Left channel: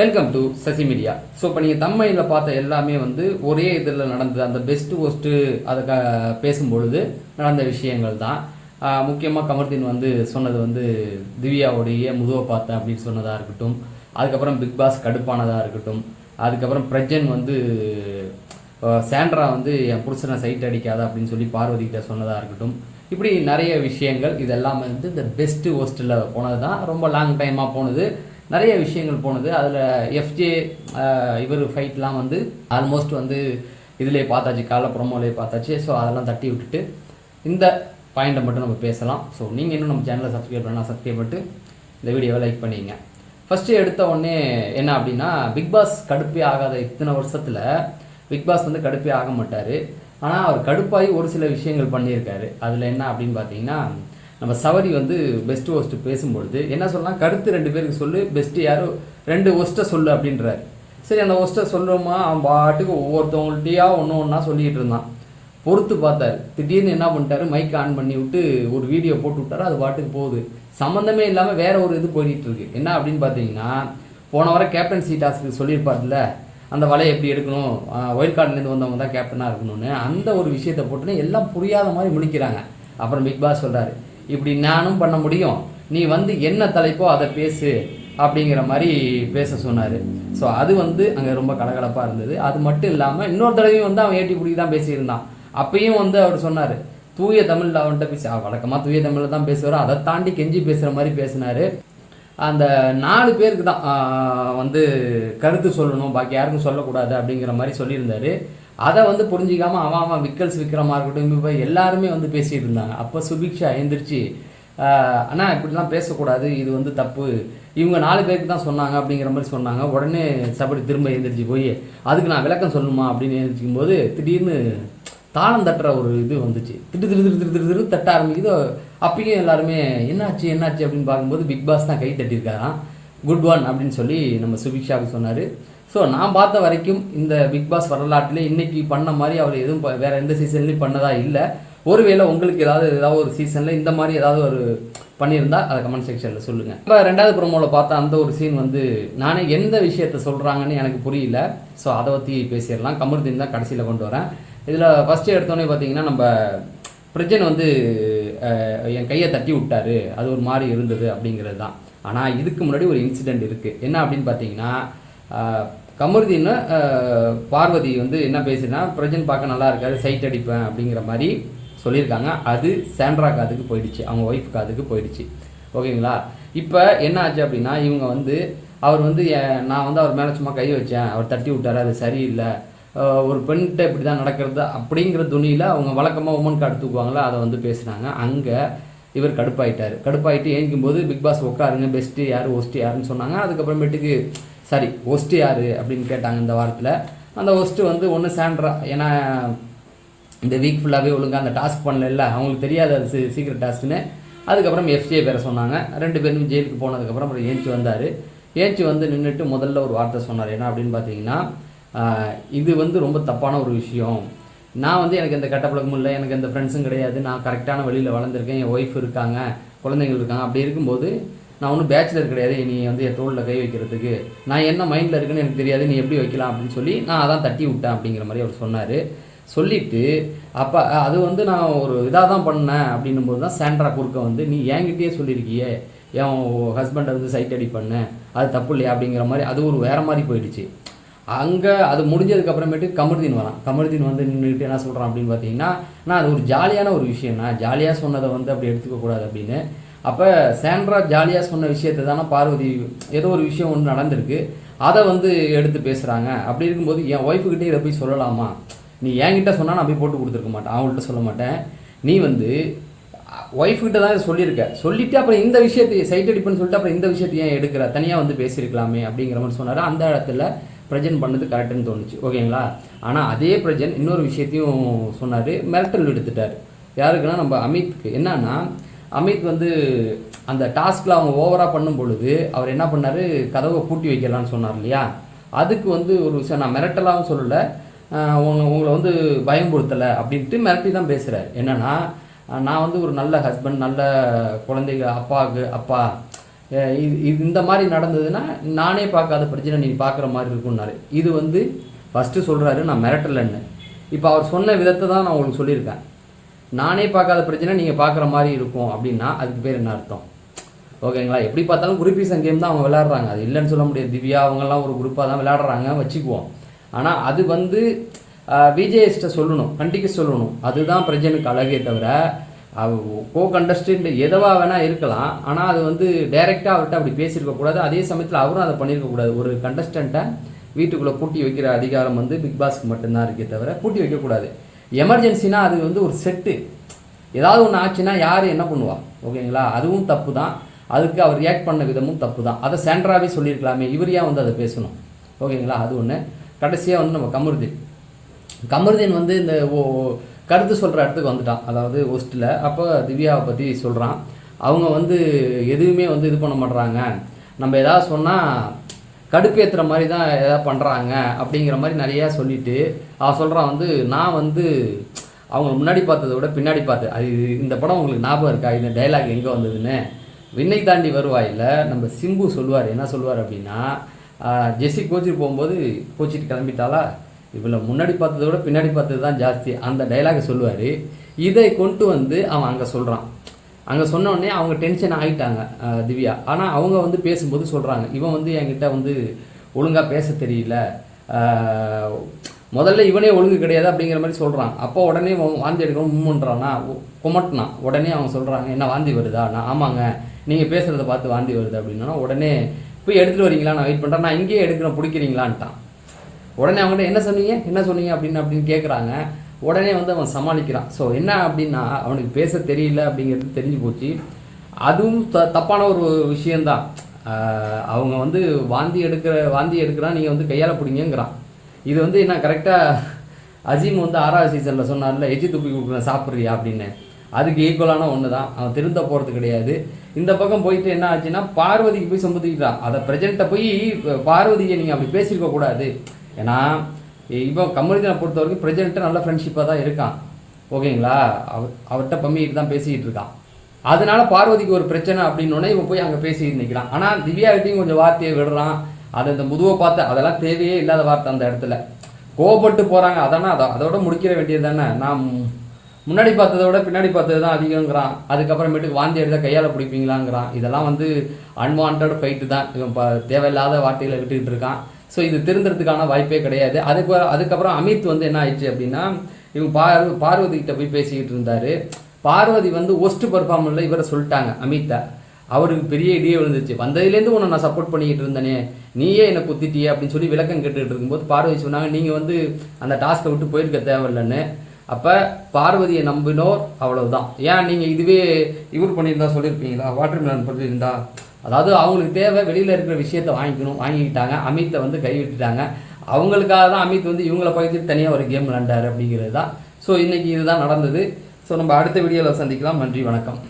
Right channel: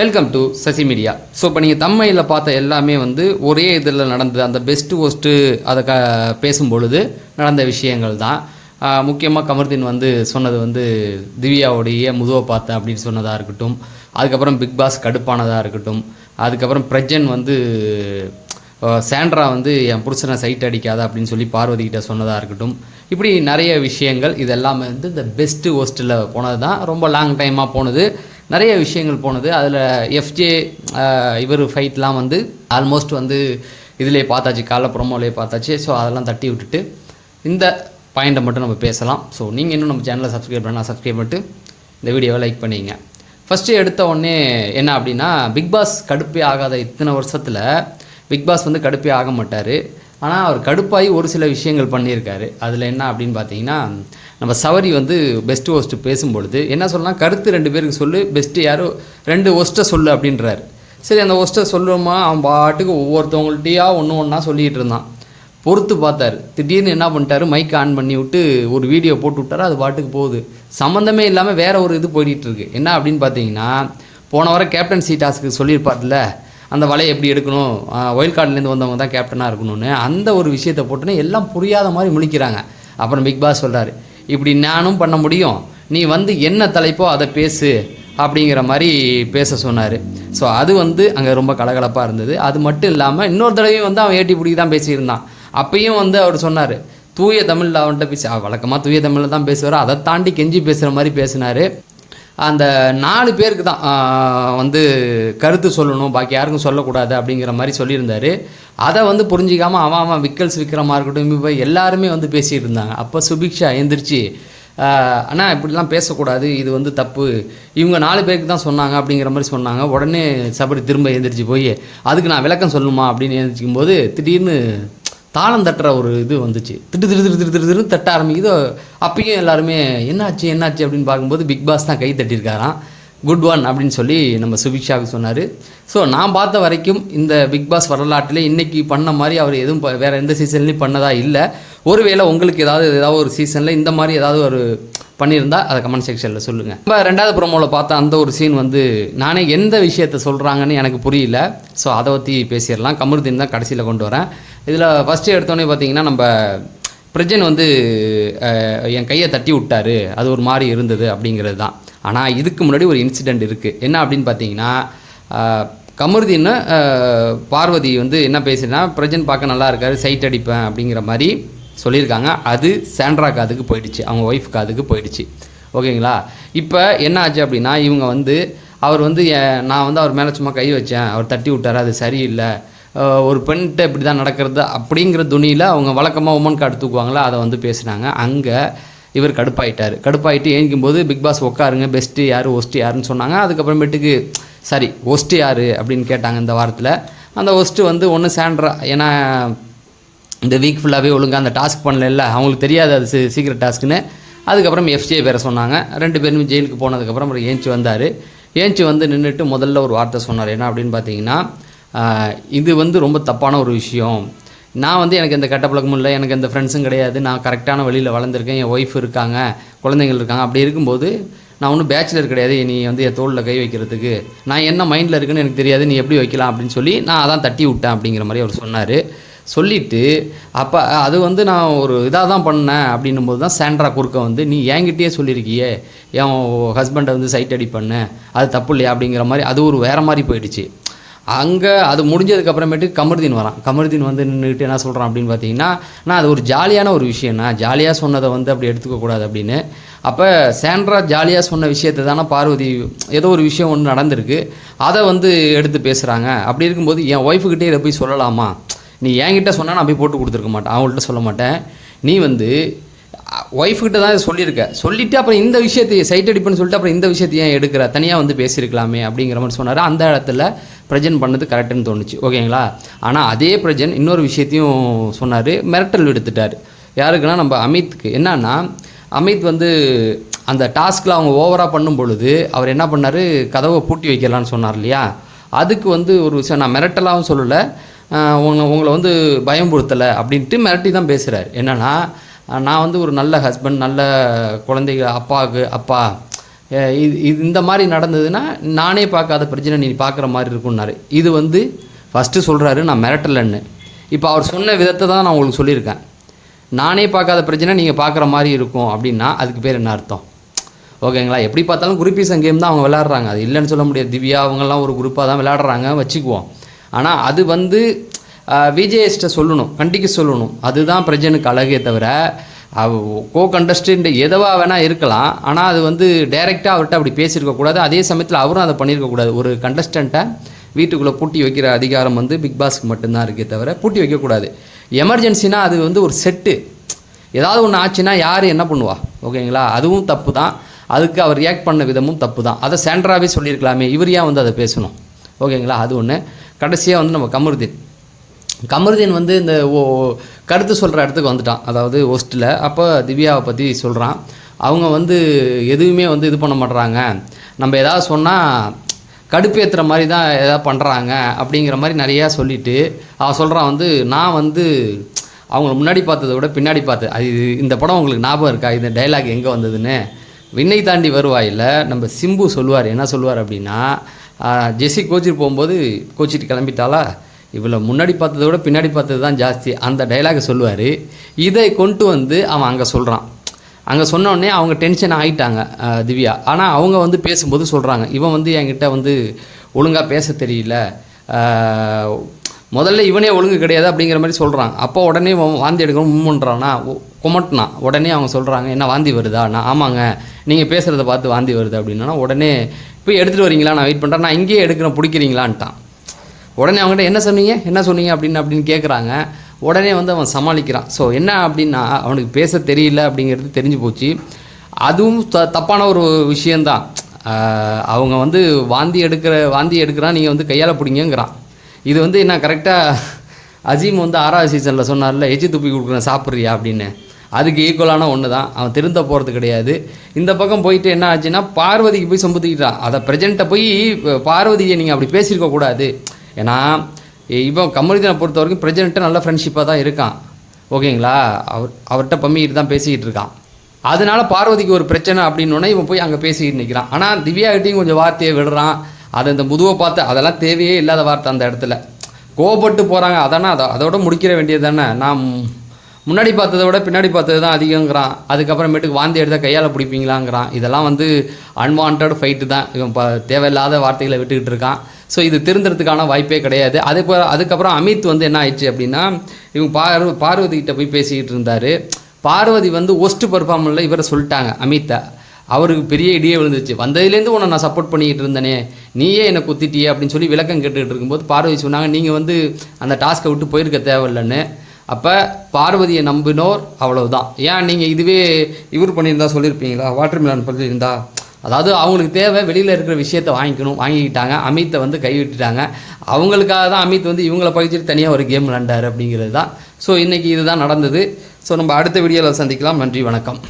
Welcome to Sasi media. So இப்போ நீங்கள் தம்மையில் பார்த்த எல்லாமே வந்து ஒரே இதில் நடந்தது. அந்த பெஸ்ட்டு ஒஸ்ட்டு அதை பேசும்பொழுது நடந்த விஷயங்கள் தான். முக்கியமாக கமர்தீன் வந்து சொன்னது வந்து திவ்யாவுடைய முதுவை பார்த்தேன் அப்படின்னு சொன்னதாக இருக்கட்டும், அதுக்கப்புறம் பிக் பாஸ் கடுப்பானதாக இருக்கட்டும், அதுக்கப்புறம் பிரஜன் வந்து சாண்ட்ரா வந்து என் புருஷனை சைட் அடிக்காத அப்படின்னு சொல்லி பார்வதி கிட்ட சொன்னதாக இருக்கட்டும், இப்படி நிறைய விஷயங்கள் இதெல்லாமே வந்து இந்த பெஸ்ட்டு ஒஸ்ட்டில் போனது தான். ரொம்ப லாங் டைமாக போனது, நிறைய விஷயங்கள் போனது. அதில் எஃப்ஜே இவர் ஃபைட்லாம் வந்து ஆல்மோஸ்ட் வந்து இதிலே பார்த்தாச்சு, காலை ப்ரொமோலே பார்த்தாச்சு. ஸோ அதெல்லாம் தட்டி விட்டுட்டு இந்த பாயிண்ட்டை மட்டும் நம்ம பேசலாம். ஸோ நீங்கள் இன்னும் நம்ம சேனலை சப்ஸ்கிரைப் பண்ணால் சப்ஸ்கிரைப் பண்ணிட்டு இந்த வீடியோவை லைக் பண்ணிங்க. ஃபஸ்ட்டு எடுத்த உடனே என்ன அப்படின்னா, பிக் பாஸ் கடுப்பே ஆகாத இத்தனை வருஷத்தில் பிக் பாஸ் வந்து கடுப்பே ஆக மாட்டார். ஆனால் அவர் கடுப்பாகி ஒரு சில விஷயங்கள் பண்ணியிருக்காரு. அதில் என்ன அப்படின்னு பார்த்தீங்கன்னா, நம்ம சவரி வந்து பெஸ்ட்டு ஒஸ்ட்டு பேசும்பொழுது என்ன சொல்லலாம், கருத்து 2 பேருக்கு சொல்லு, பெஸ்ட்டு யாரோ 2 ஒஸ்ட்டை சொல்லு அப்படின்றாரு. சரி, அந்த ஒஸ்ட்டை சொல்லுமா, அவன் பாட்டுக்கு ஒவ்வொருத்தவங்கள்ட்டையா ஒன்று ஒன்றா சொல்லிகிட்டு இருந்தான். பொறுத்து பார்த்தார். திடீர்னு என்ன பண்ணிட்டாரு, மைக் ஆன் பண்ணி விட்டு ஒரு வீடியோ போட்டு விட்டாரு. அது பாட்டுக்கு போகுது, சம்மந்தமே இல்லாமல் வேற ஒரு இது போயிட்டுருக்கு. என்ன அப்படின்னு பார்த்தீங்கன்னா, போன வாரம் கேப்டன்சி டாஸ்க்கு சொல்லியிருப்பார்ல, அந்த வலையை எப்படி எடுக்கணும், ஒயில்ட் கார்ட்லேருந்து வந்தவங்க தான் கேப்டனாக இருக்கணும்னு, அந்த ஒரு விஷயத்தை போட்டுன்னு எல்லாம் புரியாத மாதிரி முழிக்கிறாங்க. அப்புறம் பிக் பாஸ் சொல்கிறாரு, இப்படி நானும் பண்ண முடியும், நீ வந்து என்ன தலைப்போ அதை பேசு அப்படிங்கிற மாதிரி பேச சொன்னார். ஸோ அது வந்து அங்கே ரொம்ப கலகலப்பாக இருந்தது. அது மட்டும் இல்லாமல் இன்னொரு தடவையும் வந்து அவன் ஏட்டி பிடிக்கி தான் பேசியிருந்தான். அப்பயும் வந்து அவர் சொன்னார், தூய தமிழில் அவன்கிட்ட பேசி, வழக்கமாக தூய தமிழில் தான் பேசுவார், அதை தாண்டி கெஞ்சி பேசுகிற மாதிரி பேசினார். அந்த 4 பேருக்கு தான் வந்து கருத்து சொல்லணும், பாக்கி யாருக்கும் சொல்லக்கூடாது அப்படிங்கிற மாதிரி சொல்லியிருந்தார். அதை வந்து புரிஞ்சிக்காமல் அவன் விக்கல்ஸ் விற்கிறமா இருக்கட்டும், இப்போ எல்லாருமே வந்து பேசிகிட்டு இருந்தாங்க. அப்போ சுபிக்ஷா எழுந்திரிச்சு, ஆனால் இப்படிலாம் பேசக்கூடாது, இது வந்து தப்பு, இவங்க 4 பேருக்கு தான் சொன்னாங்க அப்படிங்கிற மாதிரி சொன்னாங்க. உடனே சபரி திரும்ப எழுந்திரிச்சு போய், அதுக்கு நான் விளக்கம் சொல்லணுமா அப்படின்னு எழுந்திரிக்கும் போது திடீர்னு தாளம் தட்டுற ஒரு இது வந்துச்சு. திட்டு திரு திரு திரு திரு திரு தட்ட ஆரம்பிக்குது. அப்பயும் எல்லாருமே என்னாச்சு என்னாச்சு அப்படின்னு பார்க்கும்போது பிக் பாஸ் தான் கை தட்டியிருக்காராம். குட் ஒன் அப்படின்னு சொல்லி நம்ம சுபிக்ஷாவுக்கு சொன்னார். ஸோ நான் பார்த்த வரைக்கும் இந்த பிக் பாஸ் வரலாற்றில் இன்றைக்கி பண்ண மாதிரி அவர் எதுவும் வேறு எந்த சீசன்லேயும் பண்ணதாக இல்லை. ஒருவேளை உங்களுக்கு ஏதாவது ஒரு சீசனில் இந்த மாதிரி ஏதாவது ஒரு பண்ணியிருந்தால் அதை கமெண்ட் செக்ஷனில் சொல்லுங்கள். இப்போ 2வது ப்ரோமோவில் பார்த்தா அந்த ஒரு சீன் வந்து நானே எந்த விஷயத்தை சொல்கிறாங்கன்னு எனக்கு புரியல. ஸோ அதை பற்றி பேசிடலாம். கமருதீன் தான் கடைசியில் கொண்டு வரேன். இதில் ஃபஸ்ட்டு எடுத்தோடனே பார்த்தீங்கன்னா, நம்ம பிரஜன் வந்து என் கையை தட்டி விட்டார், அது ஒரு மாதிரி இருந்தது அப்படிங்கிறது தான். ஆனால் இதுக்கு முன்னாடி ஒரு இன்சிடெண்ட் இருக்குது. என்ன அப்படின்னு பார்த்தீங்கன்னா, கமருதீன் பார்வதி வந்து என்ன பேசுனா, பிரஜன் பார்க்க நல்லா இருக்காரு, சைட் அடிப்பேன் அப்படிங்கிற மாதிரி சொல்லியிருக்காங்க. அது சாண்ட்ரா காதுக்கு போயிடுச்சு, அவங்க ஒய்ஃப் காதுக்கு போயிடுச்சு. ஓகேங்களா? இப்போ என்ன ஆச்சு அப்படின்னா, இவங்க வந்து அவர் வந்து நான் வந்து அவர் மேலே சும்மா கை வச்சேன், அவர் தட்டி விட்டார், அது சரியில்லை, ஒரு பெண்கிட்ட இப்படி தான் நடக்கிறது அப்படிங்கிற துணியில் அவங்க வழக்கமாக உமன் கார்டு தூக்குவாங்களா, அதை வந்து பேசுனாங்க. அங்கே இவர் கடுப்பாயிட்டு ஏங்கிக்கும்போது பிக் பாஸ் உட்காருங்க, பெஸ்ட்டு யார் ஒஸ்ட்டு யாருன்னு சொன்னாங்க. அதுக்கப்புறமேட்டுக்கு சரி ஒஸ்ட்டு யார் அப்படின்னு கேட்டாங்க. இந்த வாரத்தில் அந்த ஒஸ்ட்டு வந்து ஒன்று சாண்ட்ரா, ஏன்னா இந்த வீக் ஃபுல்லாகவே ஒழுங்காக அந்த டாஸ்க் பண்ணல, அவங்களுக்கு தெரியாது அது சீக்ரெட் டாஸ்க்குன்னு. அதுக்கப்புறம் எஃப்ஜே வேறு சொன்னாங்க. 2 பேரும் ஜெயிலுக்கு போனதுக்கப்புறம் அப்புறம் ஏஞ்சி வந்தார். ஏஞ்சி வந்து நின்றுட்டு முதல்ல ஒரு வார்த்தை சொன்னார். என்ன அப்படின்னு பார்த்தீங்கன்னா, இது வந்து ரொம்ப தப்பான ஒரு விஷயம், நான் வந்து எனக்கு எந்த கெட்ட பழக்கமும் இல்லை, எனக்கு எந்த ஃப்ரெண்ட்ஸும் கிடையாது, நான் கரெக்டான வழியில் வளர்ந்துருக்கேன், என் ஒய்ஃப் இருக்காங்க, குழந்தைகள் இருக்காங்க, அப்படி இருக்கும்போது நான் ஒன்றும் பேச்சுலர் கிடையாது, நீ வந்து என் தோளில் கை வைக்கிறதுக்கு நான் என்ன மைண்டில் இருக்குன்னு எனக்கு தெரியாது, நீ எப்படி வைக்கலாம் அப்படின்னு சொல்லி நான் அதான் தட்டி விட்டேன் அப்படிங்கிற மாதிரி அவர் சொன்னார். சொல்லிவிட்டு அப்போ அது வந்து நான் ஒரு இதாக தான் பண்ணேன் அப்படின்னும் போது தான் சாண்ட்ரா குறுக்க வந்து, நீ என்கிட்டயே சொல்லியிருக்கியே என் ஹஸ்பண்டை வந்து சைட் அடி பண்ணு, அது தப்பு இல்லையா அப்படிங்கிற மாதிரி அது ஒரு வேறு மாதிரி போயிடுச்சு. அங்கே அது முடிஞ்சதுக்கப்புறமேட்டு கமருதீன் வரான். கமருதீன் வந்து நின்றுக்கிட்டு என்ன சொல்கிறான் அப்படின்னு பார்த்தீங்கன்னா, நான் அது ஒரு ஜாலியான ஒரு விஷயம்னா, ஜாலியாக சொன்னதை வந்து அப்படி எடுத்துக்கக்கூடாது அப்படின்னு. அப்போ சாண்ட்ரா ஜாலியாக சொன்ன விஷயத்தை தானே பார்வதி, ஏதோ ஒரு விஷயம் ஒன்று நடந்திருக்கு, அதை வந்து எடுத்து பேசுகிறாங்க. அப்படி இருக்கும்போது என் ஒய்ஃபுக்கிட்டே இதை போய் சொல்லலாமா, நீ என்கிட்ட சொன்னால் நான் போய் போட்டு கொடுத்துருக்க மாட்டேன், அவங்கள்ட்ட சொல்ல மாட்டேன், நீ வந்து ஒய்ஃப்கிட்ட தான் சொல்லியிருக்க, சொல்லிவிட்டு அப்புறம் இந்த விஷயத்தையே சைட் அடிப்புன்னு சொல்லிட்டு அப்புறம் இந்த விஷயத்தையும் ஏன் எடுக்கிற, தனியாக வந்து பேசியிருக்கலாமே அப்படிங்கிற மாதிரி சொன்னார். அந்த இடத்துல பிரஜன் பண்ணது கரெக்டுன்னு தோணுச்சு. ஓகேங்களா? ஆனால் அதே பிரஜன் இன்னொரு விஷயத்தையும் சொன்னார், மிரட்டல் எடுத்துட்டார். யாருக்குன்னா நம்ம அமித்துக்கு. என்னன்னா, அமித் வந்து அந்த டாஸ்கில் அவங்க ஓவராக பண்ணும் பொழுது அவர் என்ன பண்ணார், கதவை பூட்டி வைக்கலான்னு சொன்னார் இல்லையா, அதுக்கு வந்து ஒரு விஷயம் நான் மிரட்டலாகவும் சொல்லலை, உங்களை வந்து பயம்படுத்தலை அப்படின்ட்டு மிரட்டி தான் பேசுகிறார். என்னென்னா, நான் வந்து ஒரு நல்ல ஹஸ்பண்ட், நல்ல குழந்தைங்க, அப்பாவுக்கு அப்பா, இந்த மாதிரி நடந்ததுன்னா நானே பார்க்காத பிரச்சனை நீ பார்க்குற மாதிரி இருக்கும்னாரு. இது வந்து ஃபஸ்ட்டு சொல்கிறாரு நான் மிரட்டலன்னு. இப்போ அவர் சொன்ன விதத்தை தான் நான் உங்களுக்கு சொல்லியிருக்கேன். நானே பார்க்காத பிரச்சனை நீங்கள் பார்க்குற மாதிரி இருக்கும் அப்படின்னா அதுக்கு பேர் என்ன அர்த்தம்? ஓகேங்களா? எப்படி பார்த்தாலும் குரூப்பிசம் கேம் தான் அவங்க விளையாடுறாங்க, அது இல்லைன்னு சொல்ல முடியாது. திவ்யா அவங்கெல்லாம் ஒரு குரூப்பாக தான் விளையாடுறாங்க வச்சுக்குவோம். ஆனால் அது வந்து விஜேஎஸ்ட்டை சொல்லணும், கண்டிக்க சொல்லணும். அதுதான் பிரஜனுக்கு அழகே தவிர கோ கண்டஸ்டன்ட் எதவாக வேணால் இருக்கலாம். ஆனால் அது வந்து டைரெக்டாக அவர்கிட்ட அப்படி பேசியிருக்கக்கூடாது. அதே சமயத்தில் அவரும் அதை பண்ணியிருக்கக்கூடாது. ஒரு கண்டஸ்டண்ட்டை வீட்டுக்குள்ளே பூட்டி வைக்கிற அதிகாரம் வந்து பிக் பாஸ்க்கு மட்டும்தான் இருக்கே தவிர பூட்டி வைக்கக்கூடாது. எமர்ஜென்சினா அது வந்து ஒரு செட்டு, ஏதாவது ஒன்று ஆச்சுன்னா யார் என்ன பண்ணுவா? ஓகேங்களா? அதுவும் தப்பு தான். அதுக்கு அவர் ரியாக்ட் பண்ண விதமும் தப்பு தான். அதை சாண்ட்ராவே சொல்லியிருக்கலாமே, இவர் ஏன் வந்து அதை பேசணும்? ஓகேங்களா? அது ஒன்று. கடைசியாக வந்து நம்ம கமருதீன் வந்து இந்த கருத்து சொல்கிற இடத்துக்கு வந்துட்டான், அதாவது ஹோஸ்ட்டில். அப்போ திவ்யாவை பற்றி சொல்கிறான். அவங்க வந்து எதுவுமே வந்து இது பண்ண மாட்டுறாங்க, நம்ம எதாவது சொன்னால் கடுப்பேற்றுற மாதிரி தான் எதாவது பண்ணுறாங்க அப்படிங்கிற மாதிரி நிறையா சொல்லிவிட்டு அவன் சொல்கிறான் வந்து நான் வந்து அவங்கள முன்னாடி பார்த்ததை விட பின்னாடி பார்த்தேன். அது இந்த படம் உங்களுக்கு ஞாபகம் இருக்கா? இந்த டைலாக் எங்கே வந்ததுன்னு? விண்ணை தாண்டி வருவாயில் நம்ம சிம்பு சொல்லுவார். என்ன சொல்லுவார் அப்படின்னா, ஜெஸ்ஸி கோச்சிட்டு போகும்போது கோச்சிட்டு கிளம்பிட்டாலா, இவ்வளோ முன்னாடி பார்த்ததை விட பின்னாடி பார்த்தது தான் ஜாஸ்தி, அந்த டைலாகை சொல்லுவார். இதை கொண்டு வந்து அவன் அங்கே சொல்கிறான். அங்கே சொன்னோடனே அவங்க டென்ஷன் ஆகிட்டாங்க திவ்யா. ஆனால் அவங்க வந்து பேசும்போது சொல்கிறாங்க, இவன் வந்து என்கிட்ட வந்து ஒழுங்காக பேச தெரியல, முதல்ல இவனே ஒழுங்கு கிடையாது அப்படிங்கிற மாதிரி சொல்கிறாங்க. அப்போ உடனே வாந்தி எடுக்கணும் முன்னுன்றான்னா குமட்டினான். உடனே அவங்க சொல்கிறாங்க, என்ன வாந்தி வருதா? நான் ஆமாங்க, நீங்கள் பேசுகிறத பார்த்து வாந்தி வருது அப்படின்னா, உடனே போய் எடுத்துகிட்டு வரீங்களா, நான் வெயிட் பண்ணுறேன், நான் இங்கேயே எடுக்கிறேன், பிடிக்கிறீங்களான்ட்டான். உடனே அவங்ககிட்ட என்ன சொன்னீங்க அப்படின்னு கேட்குறாங்க. உடனே வந்து அவன் சமாளிக்கிறான். ஸோ என்ன அப்படின்னா, அவனுக்கு பேச தெரியல அப்படிங்கிறது தெரிஞ்சு போச்சு. அதுவும் தப்பான ஒரு விஷயந்தான். அவங்க வந்து வாந்தி எடுக்கிறான், நீங்கள் வந்து கையால் பிடிங்கிறான். இது வந்து என்ன கரெக்டாக அஜீம் வந்து 6வது சீசனில் சொன்னார்ல, எச்சி துப்பி கொடுக்குறேன் சாப்பிட்றியா அப்படின்னு, அதுக்கு ஈக்குவலான ஒன்று தான். அவன் திருந்த போகிறது கிடையாது. இந்த பக்கம் போயிட்டு என்ன ஆச்சுன்னா, பார்வதிக்கு போய் சொம்புத்திக்கிட்டான். அதை ப்ரெசென்ட்டை போய் பார்வதியை நீங்கள் அப்படி பேசியிருக்கக்கூடாது. ஏன்னா இப்போ கமருதீனை பொறுத்த வரைக்கும் பிரசிடென்ட்டு நல்ல ஃப்ரெண்ட்ஷிப்பாக தான் இருக்கான். ஓகேங்களா? அவர்கிட்ட பம்மிக்கிட்டு தான் பேசிக்கிட்டு இருக்கான். அதனால பார்வதிக்கு ஒரு பிரச்சனை அப்படின்னோடனே இவன் போய் அங்கே பேசிக்கிட்டு நிற்கிறான். ஆனால் திவ்யாகிட்டையும் கொஞ்சம் வார்த்தையை விடுறான். அதை இந்த முதுவை பார்த்து அதெல்லாம் தேவையே இல்லாத வார்த்தை அந்த இடத்துல. கோபப்பட்டு போகிறாங்க, அதோட முடிக்கிற வேண்டியது தானே. நான் முன்னாடி பார்த்ததை விட பின்னாடி பார்த்தது தான் அதிகங்கிறான். அதுக்கப்புறமேட்டுக்கு வாந்தி எடுத்தால் கையால் பிடிப்பீங்களாங்கிறான். இதெல்லாம் வந்து அன்வான்ட் ஃபைட்டு தான். இவன் தேவையில்லாத வார்த்தைகளை விட்டுக்கிட்டு இருக்கான். ஸோ இது திருந்துறதுக்கான வாய்ப்பே கிடையாது. அதுக்கப்புறம் அமித் வந்து என்ன ஆயிடுச்சு அப்படின்னா, இவங்க பார்வதிக்கிட்ட போய் பேசிக்கிட்டு இருந்தார். பார்வதி வந்து ஒஸ்ட் பர்ஃபார்மன்ஸில் இவரை சொல்லிட்டாங்க அமித்தை. அவருக்கு பெரிய இடியே விழுந்துச்சு. வந்ததுலேருந்து உன்னை நான் சப்போர்ட் பண்ணிக்கிட்டு இருந்தேனே, நீயே என்னை குத்திட்டியே அப்படின்னு சொல்லி விளக்கம் கேட்டுக்கிட்டு இருக்கும்போது பார்வதி சொன்னாங்க, நீங்கள் வந்து அந்த டாஸ்க்கை விட்டு போயிருக்க தேவையில்லைன்னு. அப்போ பார்வதியை நம்பினோர் அவ்வளவுதான். ஏன் நீங்கள் இதுவே இவர் பண்ணியிருந்தா சொல்லியிருப்பீங்களா? வாட்டர் மிலன் பண்ணியிருந்தா? அதாவது அவங்களுக்கு தேவை வெளியில் இருக்கிற விஷயத்த வாங்கிக்கிட்டாங்க. அமித்தை வந்து கைவிட்டுட்டாங்க. அவங்களுக்காக தான் அமித் வந்து இவங்களை பகிச்சிட்டு தனியாக ஒரு கேம் விளாண்டார் அப்படிங்கிறது தான். ஸோ இன்றைக்கி இதுதான் நடந்தது. ஸோ நம்ம அடுத்த வீடியோவில் சந்திக்கலாம். நன்றி, வணக்கம்.